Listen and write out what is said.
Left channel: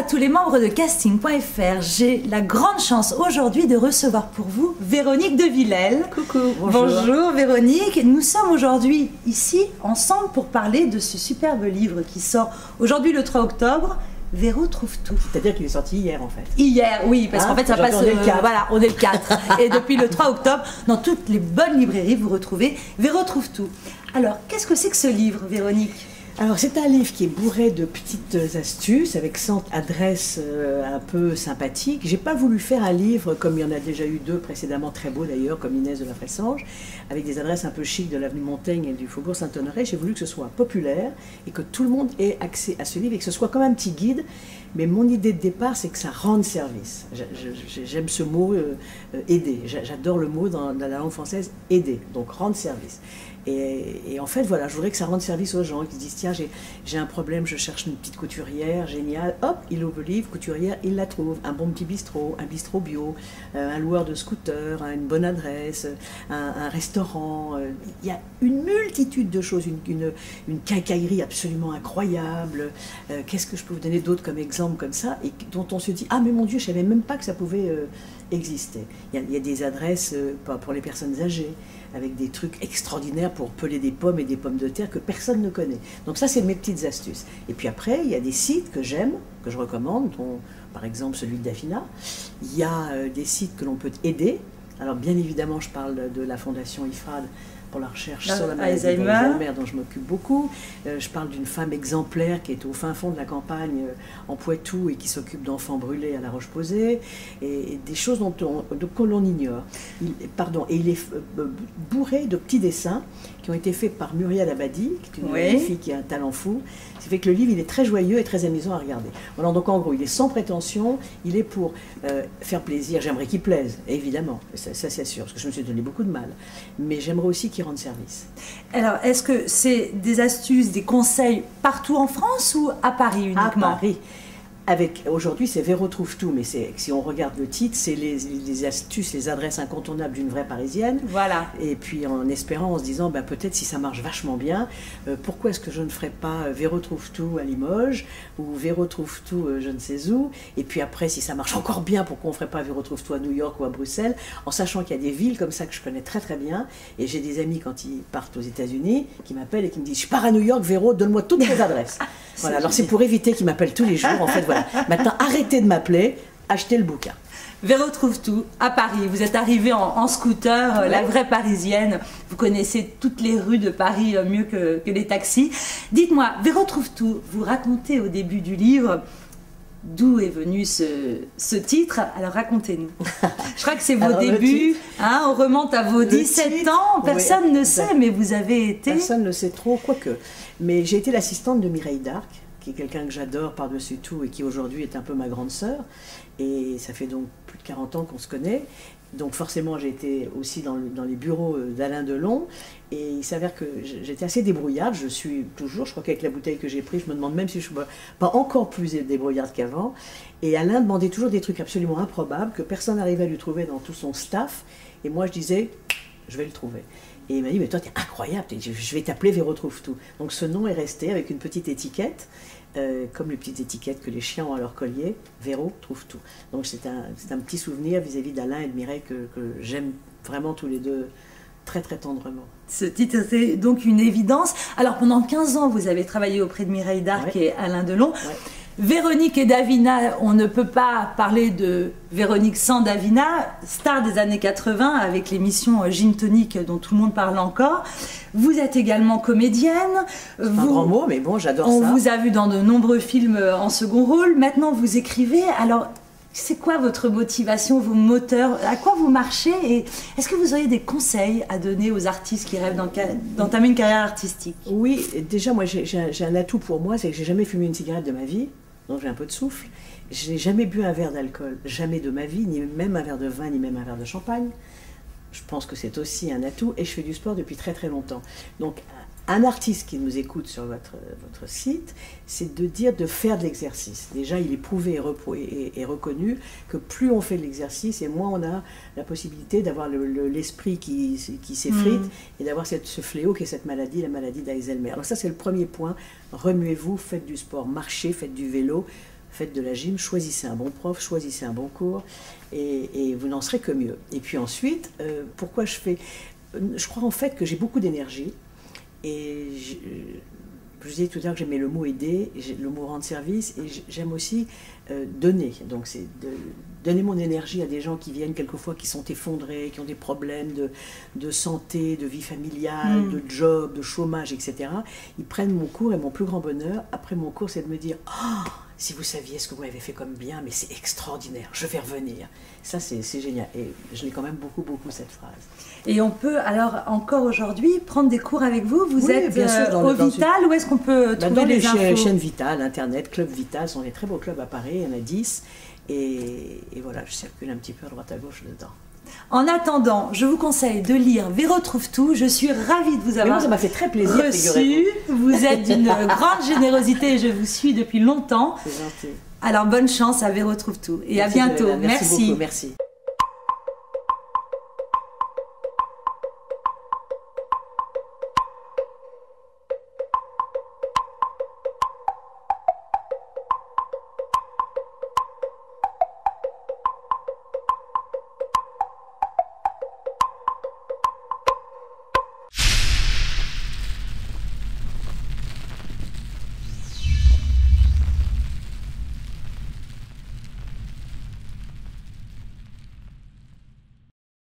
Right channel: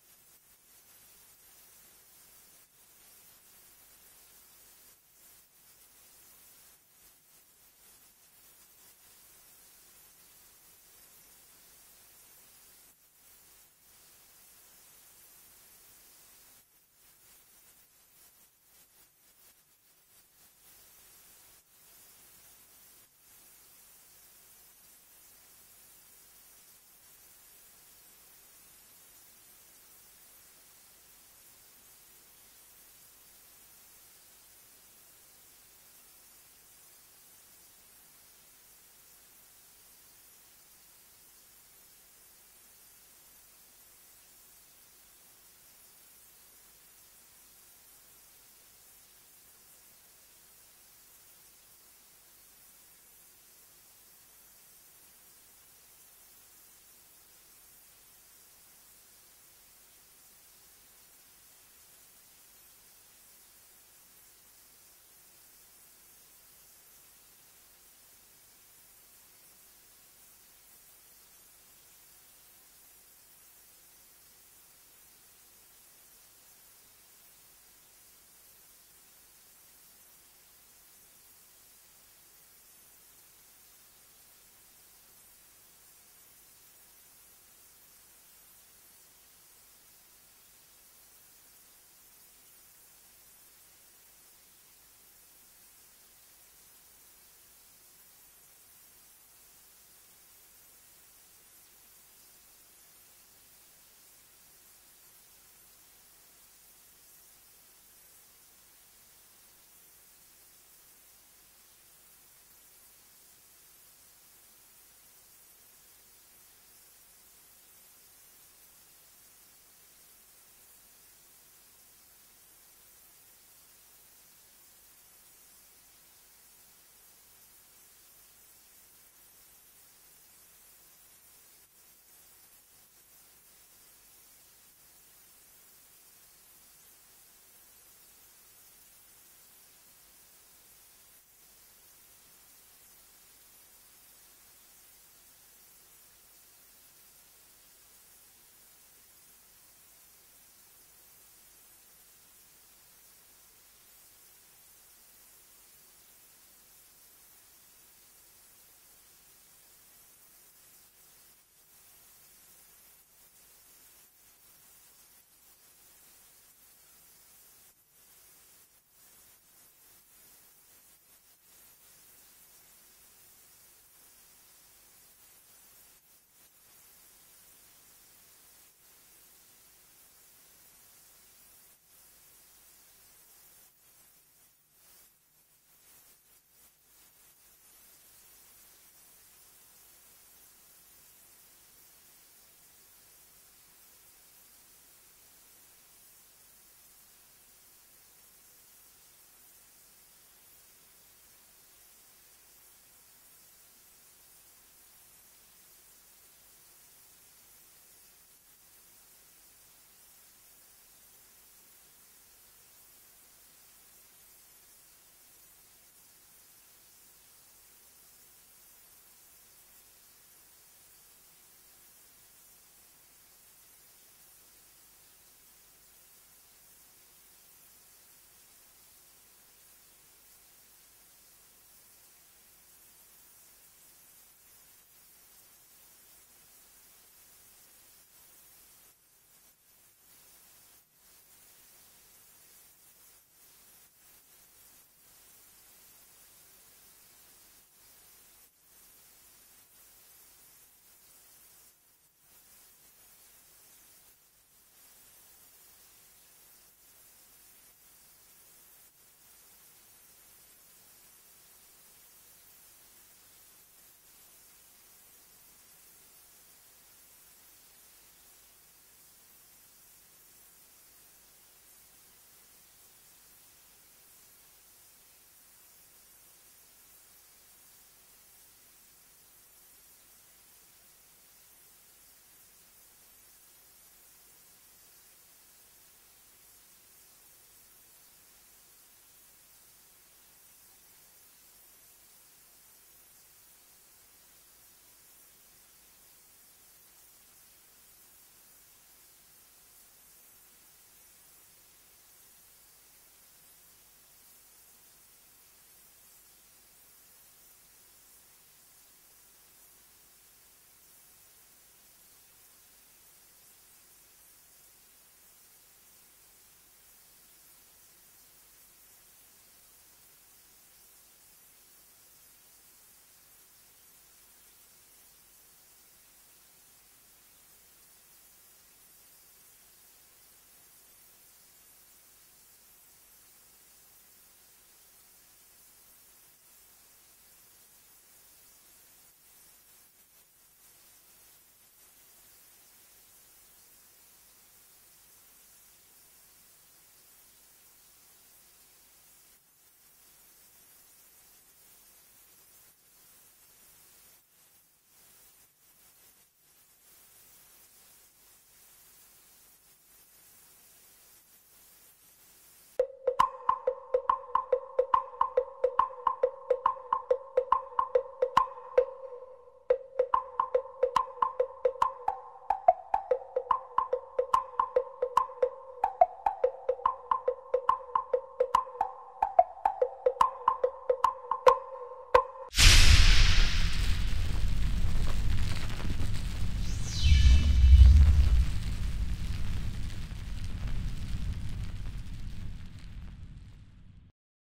à tous les membres de casting.fr. J'ai la grande chance aujourd'hui de recevoir pour vous Véronique de Villèle. Coucou, bonjour. Bonjour Véronique. Nous sommes aujourd'hui ici ensemble pour parler de ce superbe livre qui sort aujourd'hui le 3 octobre. Véro trouve tout. C'est-à-dire qu'il est sorti hier en fait. Hier, oui, parce qu'en fait ça passe. Voilà, on est le 4. Et depuis le 3 octobre, dans toutes les bonnes librairies, vous retrouvez Véro trouve tout. Alors, qu'est-ce que c'est que ce livre, Véronique ? Alors c'est un livre qui est bourré de petites astuces avec 100 adresses un peu sympathiques. J'ai pas voulu faire un livre comme il y en a déjà eu 2 précédemment, très beaux d'ailleurs, comme Inès de la Fressange, avec des adresses un peu chic de l'avenue Montaigne et du Faubourg Saint-Honoré. J'ai voulu que ce soit populaire et que tout le monde ait accès à ce livre et que ce soit comme un petit guide. Mais mon idée de départ, c'est que ça rende service. J'aime ce mot aider. J'adore le mot dans la langue française aider, donc rendre service. Et en fait, voilà, je voudrais que ça rende service aux gens qui disent tiens, j'ai un problème, je cherche une petite couturière, génial, hop, il ouvre le livre, couturière, il la trouve, un bon petit bistrot, un bistrot bio, un loueur de scooter, une bonne adresse, un restaurant. Il y a une multitude de choses, une quincaillerie absolument incroyable. Qu'est-ce que je peux vous donner d'autre comme exemple comme ça, et dont on se dit ah mais mon Dieu, je ne savais même pas que ça pouvait exister. Il y a des adresses pour les personnes âgées, avec des trucs extraordinaires pour peler des pommes et des pommes de terre que personne ne connaît. Donc ça, c'est mes petites astuces. Et puis après, il y a des sites que j'aime, que je recommande, dont, par exemple celui de Davina. Il y a des sites que l'on peut aider. Alors bien évidemment, je parle de la Fondation IFRAD pour la recherche sur la maladie d'Alzheimer, dont je m'occupe beaucoup. Je parle d'une femme exemplaire qui est au fin fond de la campagne, en Poitou, et qui s'occupe d'enfants brûlés à La Roche-Posay, et des choses que l'on ignore. Il est bourré de petits dessins qui ont été faits par Muriel Abadi, qui est une jeune fille qui a un talent fou. Ce qui fait que le livre, il est très joyeux et très amusant à regarder. Voilà, donc en gros, il est sans prétention, il est pour faire plaisir. J'aimerais qu'il plaise, évidemment, ça c'est sûr, parce que je me suis donné beaucoup de mal. Mais j'aimerais aussi qu'il rende service. Alors, est-ce que c'est des astuces, des conseils partout en France ou à Paris uniquement ? À Paris. Aujourd'hui, c'est Véro trouve tout, mais si on regarde le titre, c'est les astuces, les adresses incontournables d'une vraie Parisienne. Voilà. Et puis en espérant, en se disant, ben, peut-être si ça marche vachement bien, pourquoi est-ce que je ne ferais pas Véro trouve tout à Limoges, ou Véro trouve tout je ne sais où, et puis après, si ça marche encore bien, pourquoi on ne ferait pas Véro trouve tout à New York ou à Bruxelles, en sachant qu'il y a des villes comme ça que je connais très très bien, et j'ai des amis quand ils partent aux États-Unis qui m'appellent et qui me disent, je pars à New York, Véro, donne-moi toutes les adresses. Voilà, alors c'est pour éviter qu'ils m'appellent tous les jours, en fait, voilà. Maintenant, arrêtez de m'appeler, achetez le bouquin. Véro trouve tout à Paris. Vous êtes arrivée en scooter, la vraie parisienne. Vous connaissez toutes les rues de Paris mieux que les taxis. Dites-moi, Véro trouve tout, vous racontez au début du livre d'où est venu ce titre. Alors racontez-nous. Je crois que c'est vos débuts, hein, on remonte à vos 17 ans. Personne ne sait, mais vous avez été... Personne ne sait trop, quoique. Mais j'ai été l'assistante de Mireille d'Arc, qui est quelqu'un que j'adore par-dessus tout et qui aujourd'hui est un peu ma grande sœur. Et ça fait donc plus de 40 ans qu'on se connaît. Donc forcément, j'ai été aussi dans les bureaux d'Alain Delon. Et il s'avère que j'étais assez débrouillarde. Je suis toujours, je crois qu'avec la bouteille que j'ai prise, je me demande même si je ne suis pas encore plus débrouillarde qu'avant. Et Alain demandait toujours des trucs absolument improbables que personne n'arrivait à lui trouver dans tout son staff. Et moi, je disais, je vais le trouver. Et il m'a dit, mais toi, t'es incroyable, je vais t'appeler Véro trouve tout. Donc ce nom est resté avec une petite étiquette, comme les petites étiquettes que les chiens ont à leur collier, Véro trouve tout. Donc c'est un petit souvenir vis-à-vis d'Alain et de Mireille que j'aime vraiment tous les deux très très tendrement. Ce titre, c'est donc une évidence. Alors pendant 15 ans, vous avez travaillé auprès de Mireille d'Arc et Alain Delon. Véronique et Davina, on ne peut pas parler de Véronique sans Davina, star des années 80 avec l'émission Gin Tonic dont tout le monde parle encore. Vous êtes également comédienne. C'est un grand mot, mais bon, j'adore ça. On vous a vu dans de nombreux films en second rôle. Maintenant, vous écrivez. Alors, c'est quoi votre motivation, vos moteurs? À quoi vous marchez? Et est-ce que vous auriez des conseils à donner aux artistes qui rêvent d'entamer une carrière artistique? Oui, déjà, moi, j'ai un atout pour moi, c'est que j'ai jamais fumé une cigarette de ma vie. Donc j'ai un peu de souffle. Je n'ai jamais bu un verre d'alcool, jamais de ma vie, ni même un verre de vin, ni même un verre de champagne. Je pense que c'est aussi un atout, et je fais du sport depuis très très longtemps. Donc un artiste qui nous écoute sur votre site, c'est de dire de faire de l'exercice. Déjà, il est prouvé et reconnu que plus on fait de l'exercice, et moins on a la possibilité d'avoir l'esprit qui s'effrite, et d'avoir ce fléau qui est cette maladie, la maladie d'Alzheimer. Alors ça, c'est le premier point. Remuez-vous, faites du sport, marchez, faites du vélo, faites de la gym, choisissez un bon prof, choisissez un bon cours, et vous n'en serez que mieux. Et puis ensuite, pourquoi je fais... Je crois en fait que j'ai beaucoup d'énergie, et je vous disais tout à l'heure que j'aimais le mot aider, le mot rendre service, et j'aime aussi donner. Donc c'est donner mon énergie à des gens qui viennent quelquefois, qui sont effondrés, qui ont des problèmes de santé, de vie familiale, de job, de chômage, etc. Ils prennent mon cours, et mon plus grand bonheur, après mon cours, c'est de me dire « Oh, si vous saviez ce que vous avez fait comme bien, mais c'est extraordinaire, je vais revenir ». Ça, c'est génial. Et je l'ai quand même beaucoup, cette phrase. Et on peut, alors, encore aujourd'hui, prendre des cours avec vous. Vous êtes bien sûr, au Vital, où est-ce qu'on peut trouver dans les infos? chaînes Vital, Internet, Club Vital, sont des très beaux clubs à Paris, il y en a 10. Et voilà, je circule un petit peu à droite à gauche dedans. En attendant, je vous conseille de lire Véro trouve tout. Je suis ravie de vous avoir moi, ça m'a fait très plaisir, reçu. Vous êtes d'une grande générosité et je vous suis depuis longtemps. C'est gentil. Alors bonne chance à Véro trouve tout et Merci à bientôt. Merci beaucoup, merci.